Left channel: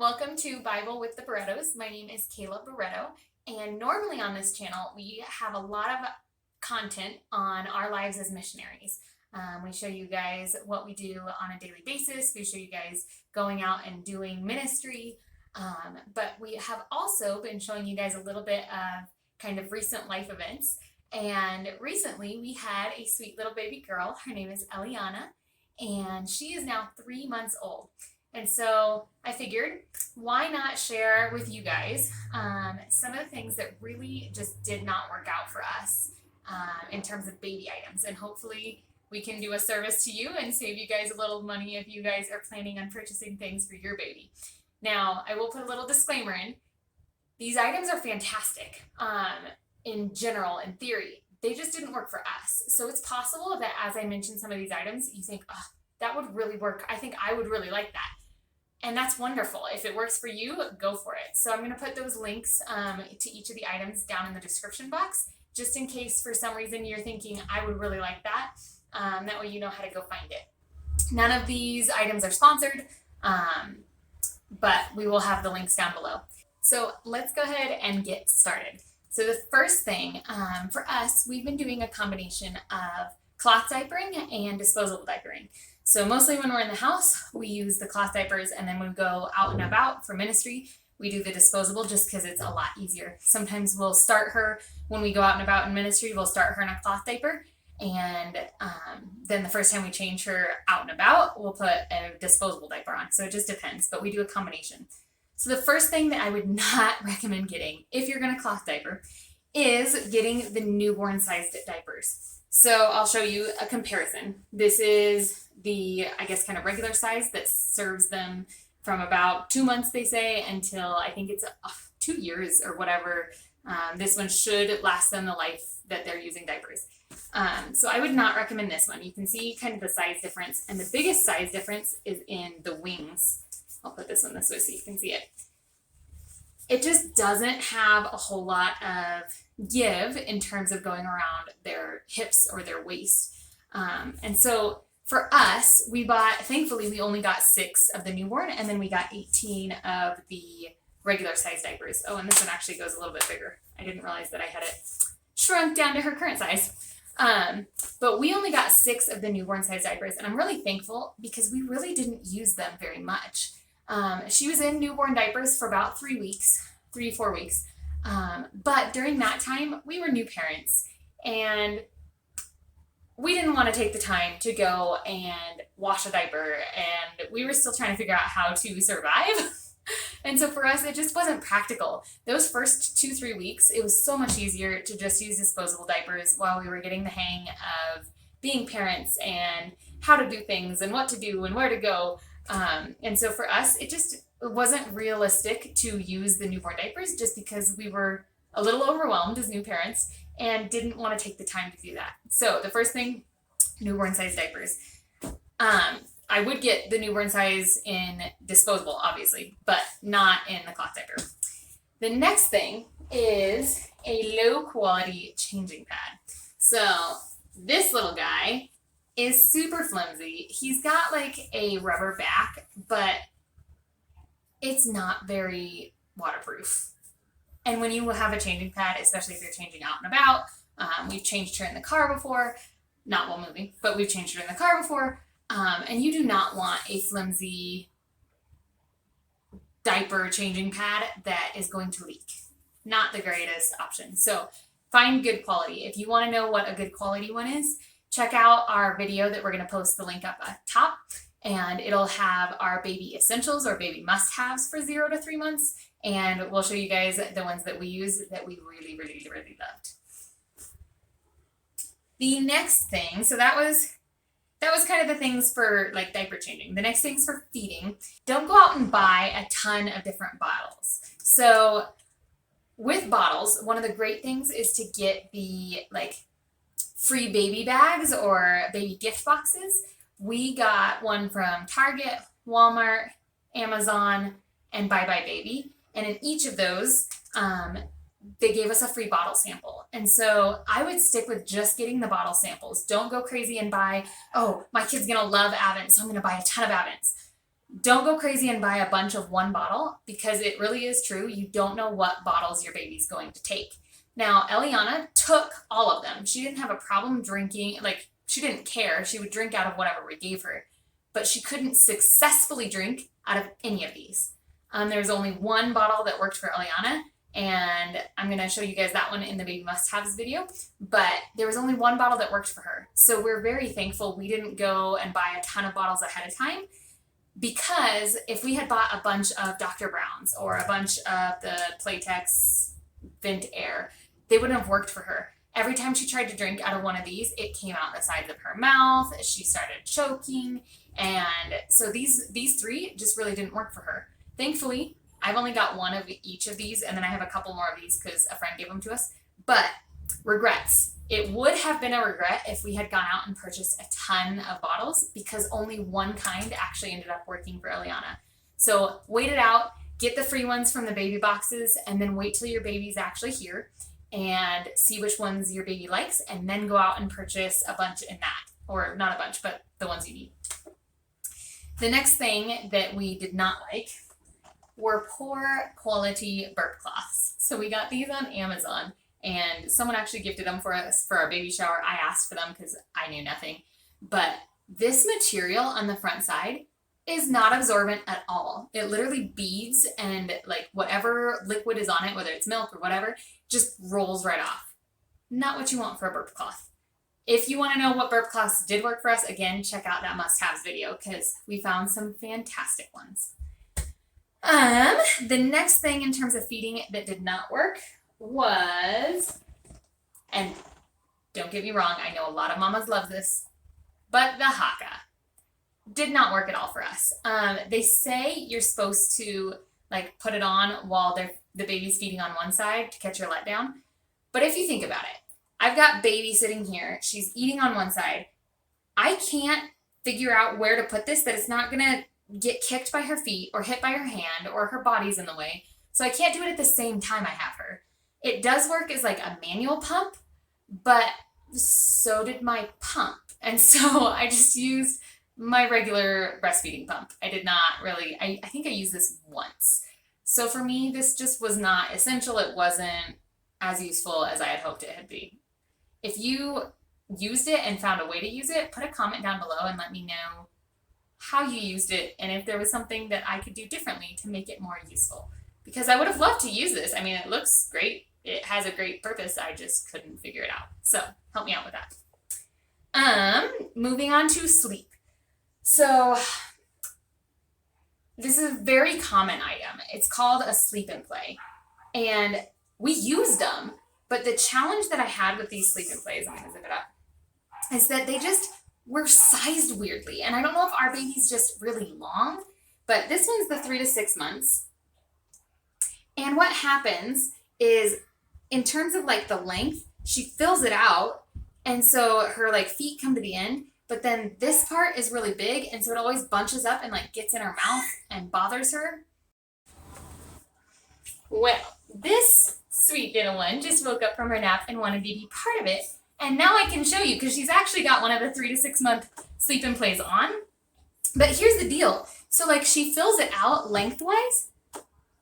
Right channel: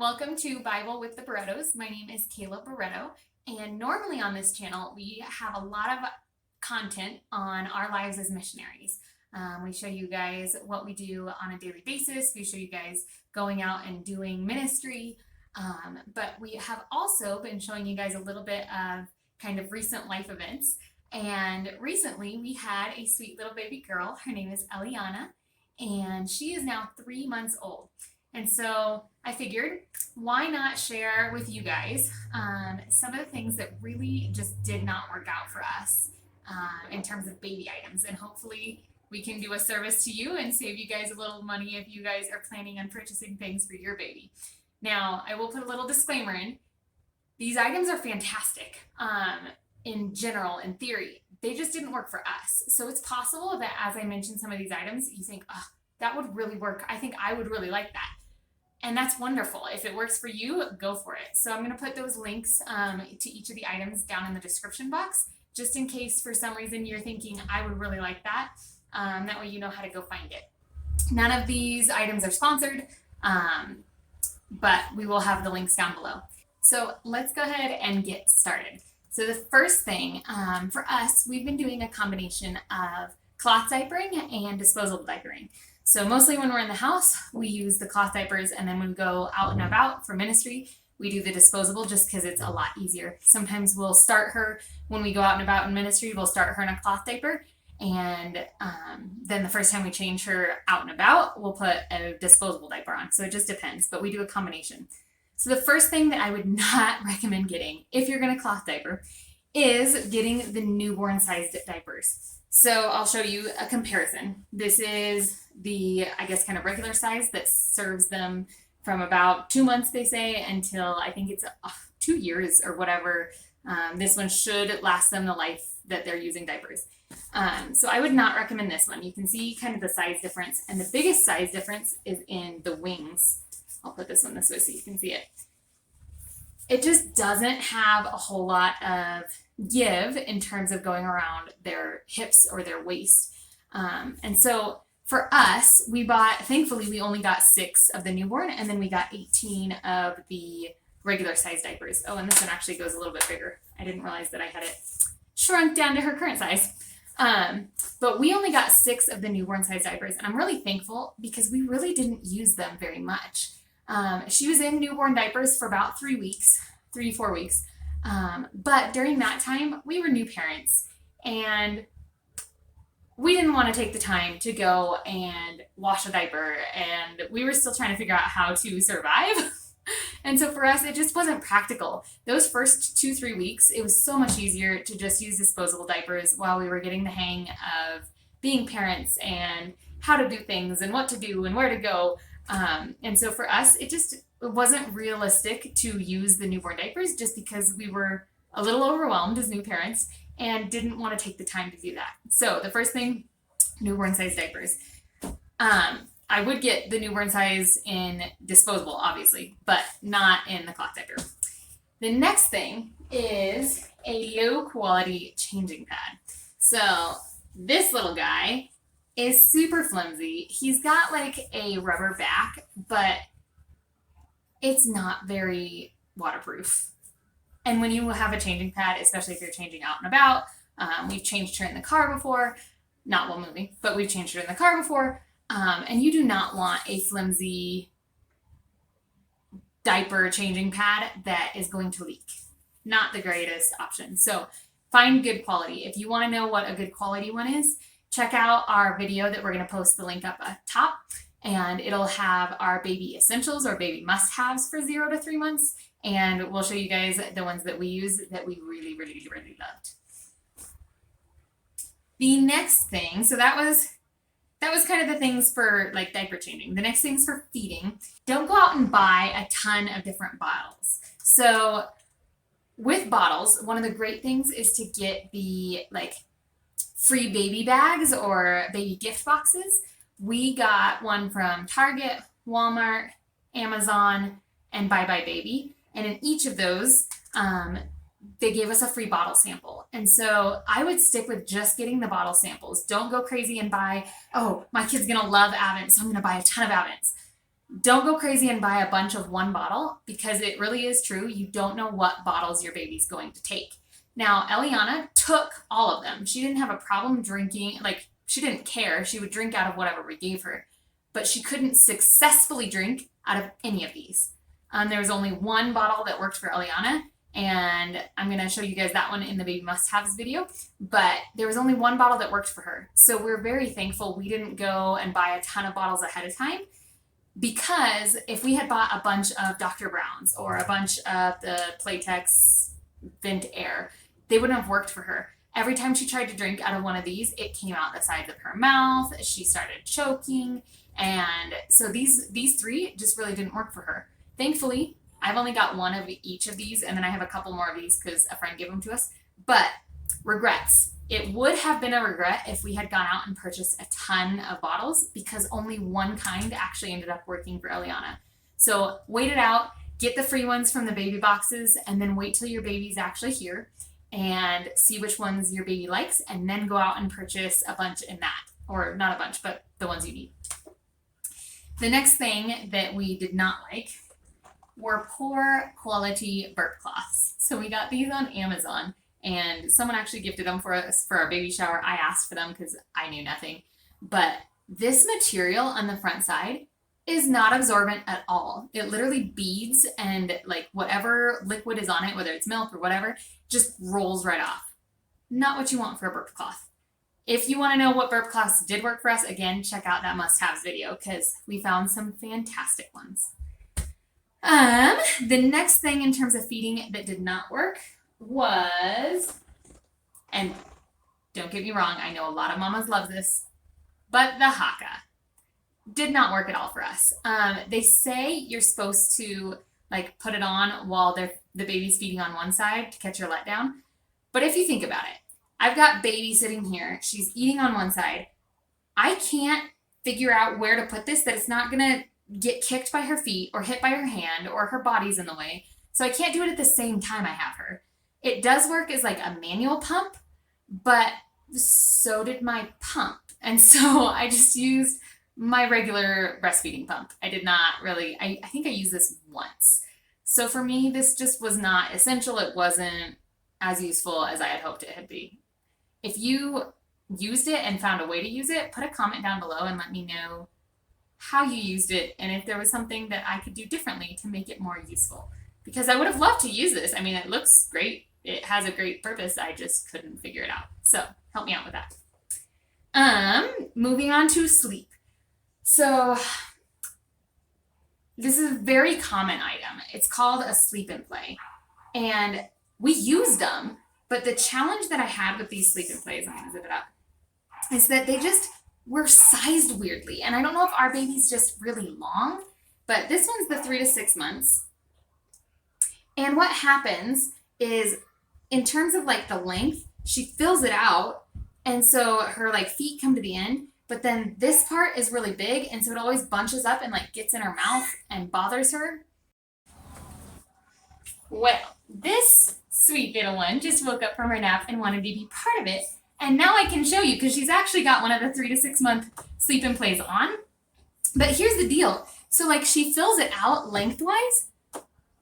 Welcome to Bible with the Barretos. My name is Kayla Barreto, and normally on this channel, we have a lot of content on our lives as missionaries. We show you guys what we do on a daily basis. We show you guys going out and doing ministry. But we have also been showing you guys a little bit of kind of recent life events. And recently, we had a sweet little baby girl. Her name is Eliana, and she is now 3 months old. And so I figured, why not share with you guys some of the things that really just did not work out for us in terms of baby items. And hopefully we can do a service to you and save you guys a little money if you guys are planning on purchasing things for your baby. Now, I will put a little disclaimer in. These items are fantastic in general, in theory. They just didn't work for us. So it's possible that as I mention some of these items, you think, oh, that would really work. I think I would really like that. And that's wonderful. If it works for you, go for it. So I'm going to put those links to each of the items down in the description box, just in case for some reason you're thinking, I would really like that. That way you know how to go find it. None of these items are sponsored, but we will have the links down below. So let's go ahead and get started. So the first thing for us, we've been doing a combination of cloth diapering and disposable diapering. So mostly when we're in the house, we use the cloth diapers, and then when we go out and about for ministry, we do the disposable just because it's a lot easier. Sometimes we'll start her when we go out and about in ministry, we'll start her in a cloth diaper, and then the first time we change her out and about, we'll put a disposable diaper on. So it just depends, but we do a combination. So the first thing that I would not recommend getting if you're going to cloth diaper is getting the newborn sized diapers. So I'll show you a comparison. This is the, I guess, kind of regular size that serves them from about 2 months, they say, until I think it's 2 years or whatever. This one should last them the life that they're using diapers. So I would not recommend this one. You can see kind of the size difference, and the biggest size difference is in the wings. I'll put this one this way so you can see it. It just doesn't have a whole lot of give in terms of going around their hips or their waist. And so for us, we bought, thankfully, we only got 6 of the newborn, and then we got 18 of the regular size diapers. Oh, and this one actually goes a little bit bigger. I didn't realize that I had it shrunk down to her current size. But we only got 6 of the newborn size diapers, and I'm really thankful because we really didn't use them very much. She was in newborn diapers for about 3 to 4 weeks. But during that time, we were new parents, and we didn't want to take the time to go and wash a diaper, and we were still trying to figure out how to survive. And so for us, it just wasn't practical. Those first 2-3 weeks, it was so much easier to just use disposable diapers while we were getting the hang of being parents and how to do things and what to do and where to go. And so for us, it wasn't realistic to use the newborn diapers just because we were a little overwhelmed as new parents and didn't want to take the time to do that. So the first thing, newborn size diapers. I would get the newborn size in disposable, obviously, but not in the cloth diaper. The next thing is a low quality changing pad. So this little guy is super flimsy. He's got like a rubber back, but it's not very waterproof. And when you have a changing pad, especially if you're changing out and about, we've changed her in the car before, not while moving, but we've changed her in the car before. And you do not want a flimsy diaper changing pad that is going to leak. Not the greatest option. So find good quality. If you want to know what a good quality one is, check out our video that we're going to post the link up at top, and it'll have our baby essentials or baby must-haves for 0 to 3 months. And we'll show you guys the ones that we use that we really, really, really loved. The next thing, so that was kind of the things for like diaper changing. The next things for feeding. Don't go out and buy a ton of different bottles. So with bottles, one of the great things is to get the like free baby bags or baby gift boxes. We got one from Target, Walmart, Amazon, and Bye Bye Baby. And in each of those, they gave us a free bottle sample. And so I would stick with just getting the bottle samples. Don't go crazy and buy, oh, my kid's going to love Avent, so I'm going to buy a ton of Avents. Don't go crazy and buy a bunch of one bottle, because it really is true. You don't know what bottles your baby's going to take. Now, Eliana took all of them. She didn't have a problem drinking, like, she didn't care. She would drink out of whatever we gave her, but she couldn't successfully drink out of any of these. There was only one bottle that worked for Eliana, and I'm going to show you guys that one in the Baby Must-Haves video, but there was only one bottle that worked for her. So we're very thankful we didn't go and buy a ton of bottles ahead of time, because if we had bought a bunch of Dr. Brown's or a bunch of the Playtex Vent Air, they wouldn't have worked for her. Every time she tried to drink out of one of these, it came out the sides of her mouth. She started choking. And so these three just really didn't work for her. Thankfully, I've only got one of each of these, and then I have a couple more of these because a friend gave them to us. But regrets. It would have been a regret if we had gone out and purchased a ton of bottles, because only one kind actually ended up working for Eliana. So wait it out, get the free ones from the baby boxes, and then wait till your baby's actually here and see which ones your baby likes, and then go out and purchase a bunch in that. Or not a bunch, but the ones you need. The next thing that we did not like were poor quality burp cloths. So we got these on Amazon, and someone actually gifted them for us for our baby shower. I asked for them because I knew nothing. But this material on the front side is not absorbent at all. It literally beads, and like whatever liquid is on it, whether it's milk or whatever, just rolls right off. Not what you want for a burp cloth. If you want to know what burp cloths did work for us, again, check out that must-haves video, because we found some fantastic ones. The next thing in terms of feeding that did not work was, and don't get me wrong, I know a lot of mamas love this, but the haka did not work at all for us. They say you're supposed to like put it on while the baby's feeding on one side to catch your letdown. But if you think about it, I've got baby sitting here. She's eating on one side. I can't figure out where to put this that it's not going to get kicked by her feet or hit by her hand or her body's in the way. So I can't do it at the same time I have her. It does work as like a manual pump, but so did my pump. And so I just used my regular breastfeeding pump. I did not really, I think I used this once. So for me, this just was not essential. It wasn't as useful as I had hoped it would be. If you used it and found a way to use it, put a comment down below and let me know how you used it and if there was something that I could do differently to make it more useful. Because I would have loved to use this. I mean, it looks great. It has a great purpose. I just couldn't figure it out. So help me out with that. Moving on to sleep. So this is a very common item. It's called a sleep and play. And we used them, but the challenge that I had with these sleep and plays, I'm going to zip it up, is that they just were sized weirdly. And I don't know if our baby's just really long, but this one's the 3 to 6 months. And what happens is, in terms of like the length, she fills it out. And so her like feet come to the end, but then this part is really big. And so it always bunches up and like gets in her mouth and bothers her. Well, this sweet little one just woke up from her nap and wanted to be part of it. And now I can show you, because she's actually got one of the 3 to 6 month sleep and plays on. But here's the deal. So like she fills it out lengthwise,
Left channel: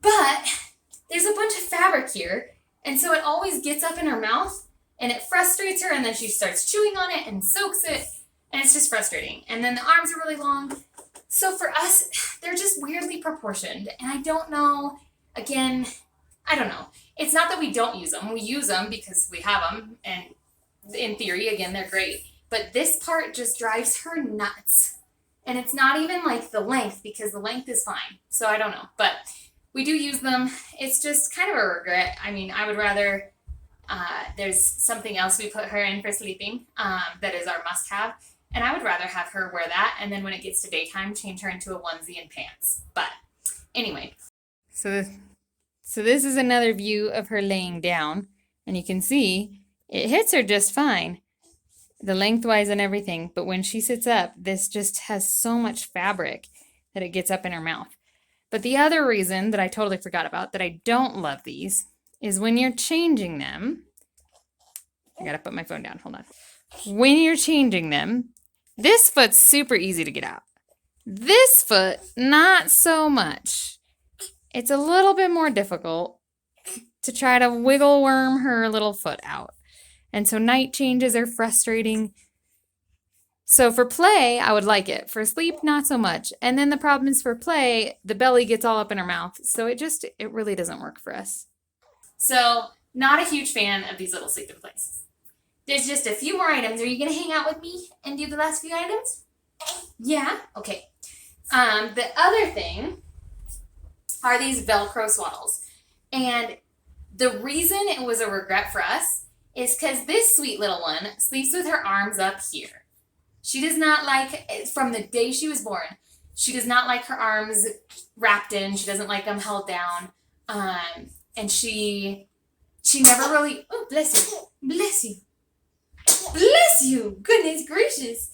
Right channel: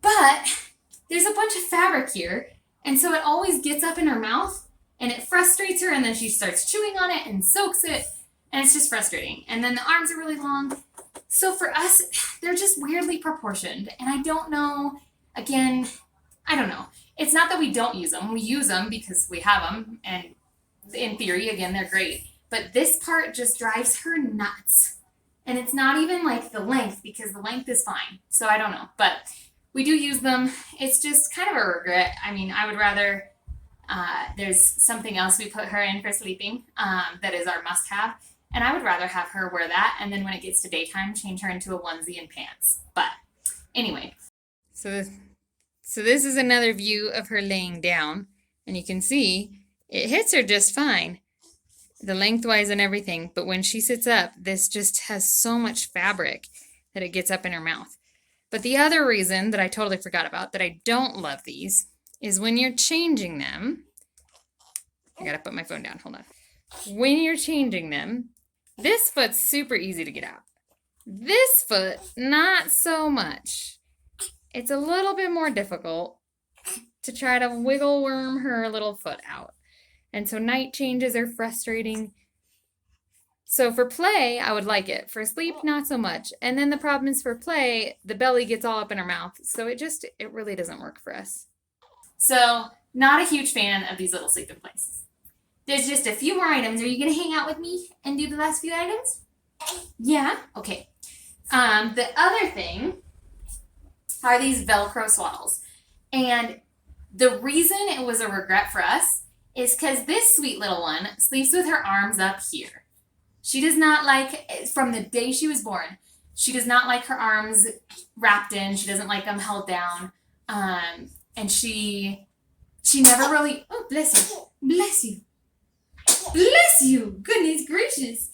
but there's a bunch of fabric here. And so it always gets up in her mouth and it frustrates her. And then she starts chewing on it and soaks it. And it's just frustrating. And then the arms are really long. So for us, they're just weirdly proportioned. And I don't know, again, I don't know. It's not that we don't use them. We use them because we have them. And in theory, again, they're great. But this part just drives her nuts. And it's not even like the length, because the length is fine. So I don't know. But we do use them. It's just kind of a regret. I mean, I would rather, there's something else we put her in for sleeping that is our must-have. And I would rather have her wear that. And then when it gets to daytime, change her into a onesie and pants. But anyway. So this is another view of her laying down. And you can see it hits her just fine, the lengthwise and everything. But when she sits up, this just has so much fabric that it gets up in her mouth. But the other reason that I totally forgot about, that I don't love these, is when you're changing them. I gotta put my phone down, hold on. When you're changing them, this foot's super easy to get out. This foot, not so much. It's a little bit more difficult to try to wiggle worm her little foot out. And so night changes are frustrating. So for play, I would like it. For sleep, not so much. And then the problem is for play, the belly gets all up in her mouth. So it really doesn't work for us. So not a huge fan of these little sleeping places. There's just a few more items. Are you going to hang out with me and do the last few items? Yeah? Okay. The other thing are these Velcro swaddles. And the reason it was a regret for us is because this sweet little one sleeps with her arms up here. She does not like, from the day she was born, she does not like her arms wrapped in. She doesn't like them held down. And she never really, oh, bless you, bless you, bless you, goodness gracious.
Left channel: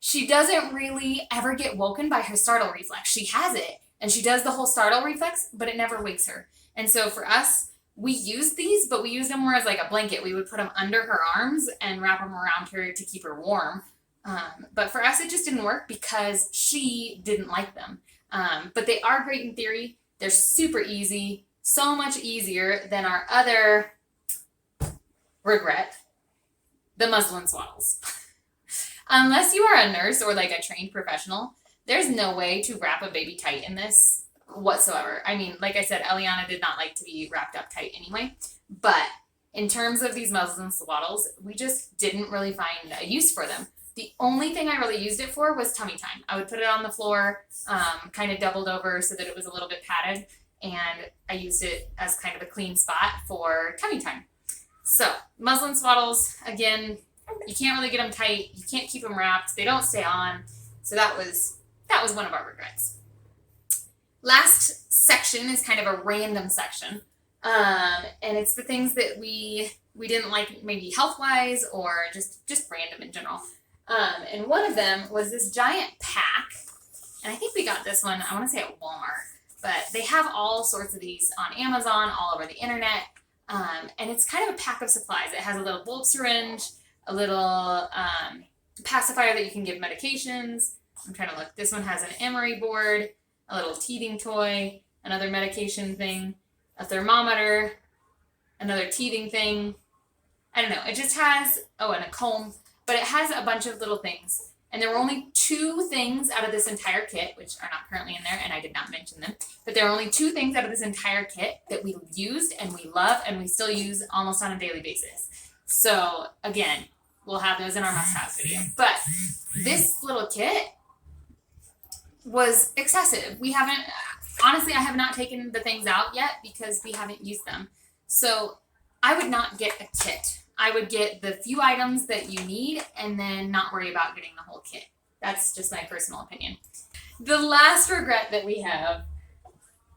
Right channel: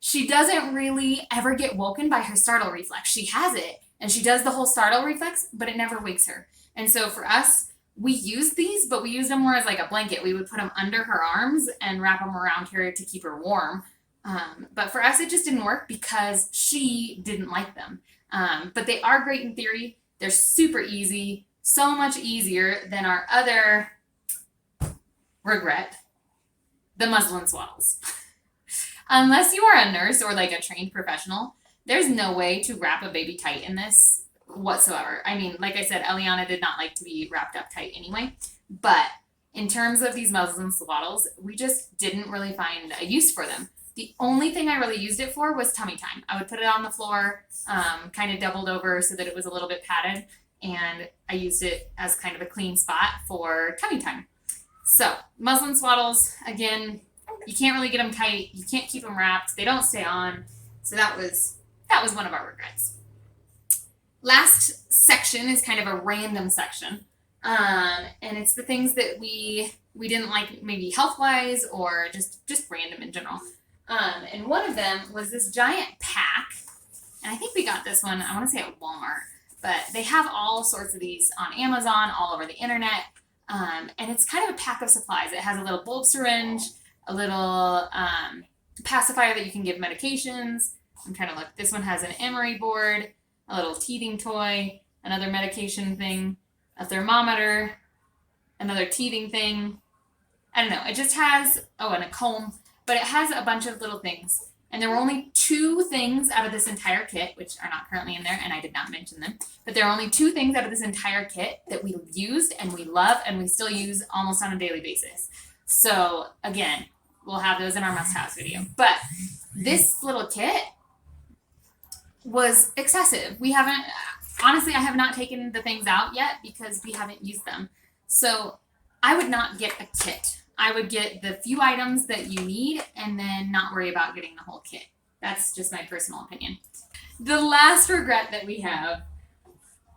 She doesn't really ever get woken by her startle reflex. She has it, and she does the whole startle reflex, but it never wakes her. And so for us, we use these, but we use them more as like a blanket. We would put them under her arms and wrap them around her to keep her warm. But for us, it just didn't work because she didn't like them. But they are great in theory. They're super easy, so much easier than our other regret, the muslin swaddles. Unless you are a nurse or like a trained professional, there's no way to wrap a baby tight in this whatsoever. I mean, like I said, Eliana did not like to be wrapped up tight anyway. But in terms of these muslin swaddles, we just didn't really find a use for them. The only thing I really used it for was tummy time. I would put it on the floor, kind of doubled over so that it was a little bit padded. And I used it as kind of a clean spot for tummy time. So muslin swaddles, again, you can't really get them tight. You can't keep them wrapped. They don't stay on. So that was one of our regrets. Last section is kind of a random section. And it's the things that we didn't like, maybe health-wise or just random in general. And one of them was this giant pack. And I think we got this one, I want to say at Walmart. But they have all sorts of these on Amazon, all over the internet. And it's kind of a pack of supplies. It has a little bulb syringe, a little pacifier that you can give medications. I'm trying to look. This one has an emery board, a little teething toy, another medication thing, a thermometer, another teething thing. I don't know. It just has, and a comb, but it has a bunch of little things. And there were only 2 things out of this entire kit, which are not currently in there, and I did not mention them. But there are only 2 things out of this entire kit that we used and we love and we still use almost on a daily basis. So again, we'll have those in our must-haves video. But this little kit was excessive. Honestly, I have not taken the things out yet because we haven't used them. So I would not get a kit. I would get the few items that you need and then not worry about getting the whole kit. That's just my personal opinion. The last regret that we have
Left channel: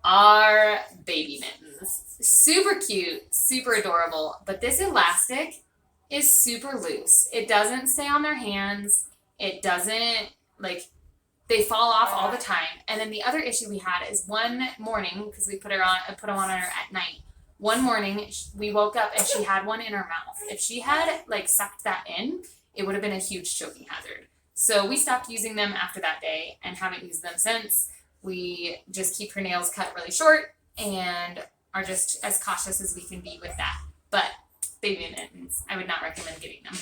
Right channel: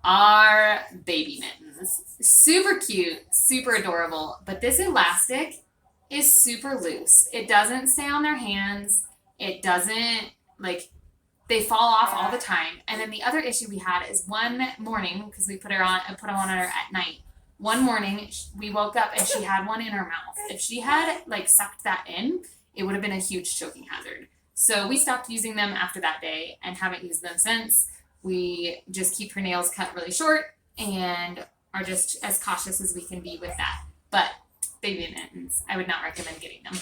are baby mittens. Super cute, super adorable, but this elastic is super loose. It doesn't stay on their hands. It doesn't, they fall off all the time. And then the other issue we had is one morning, because we put them on her at night. One morning, we woke up and she had one in her mouth. If she had sucked that in, it would have been a huge choking hazard. So we stopped using them after that day and haven't used them since. We just keep her nails cut really short and are just as cautious as we can be with that. But baby mittens, I would not recommend getting them.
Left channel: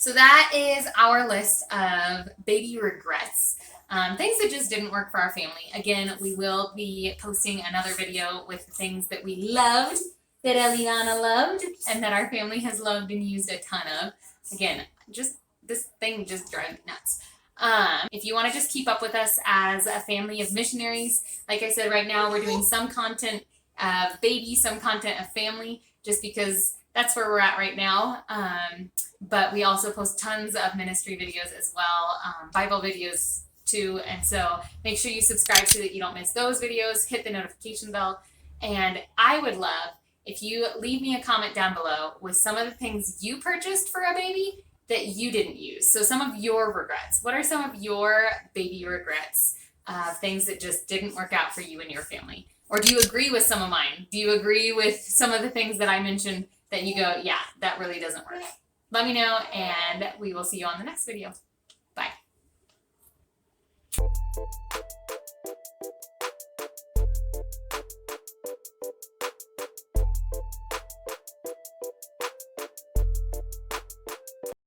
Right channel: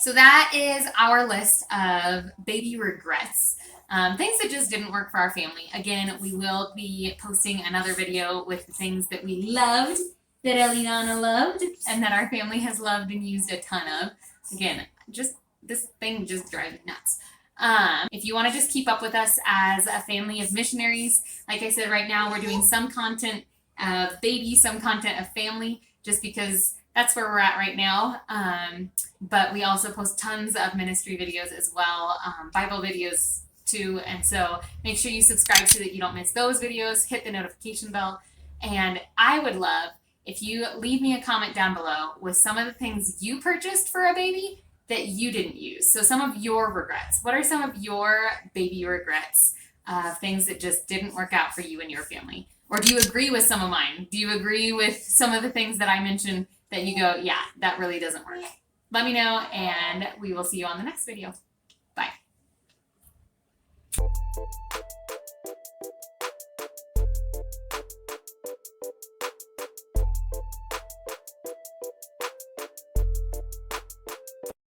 So that is our list of baby regrets. Things that just didn't work for our family. Again, we will be posting another video with the things that we loved, that Eliana loved, and that our family has loved and used a ton of. Again, this thing just drives me nuts. If you want to just keep up with us as a family of missionaries, like I said, right now we're doing some content of baby, some content of family, just because that's where we're at right now. But we also post tons of ministry videos as well, Bible videos too. And so make sure you subscribe so that you don't miss those videos. Hit the notification bell. And I would love if you leave me a comment down below with some of the things you purchased for a baby that you didn't use. So some of your regrets. What are some of your baby regrets? Things that just didn't work out for you and your family? Or do you agree with some of mine? Do you agree with some of the things that I mentioned that you go, yeah, that really doesn't work? Let me know, and we will see you on the next video. Bye.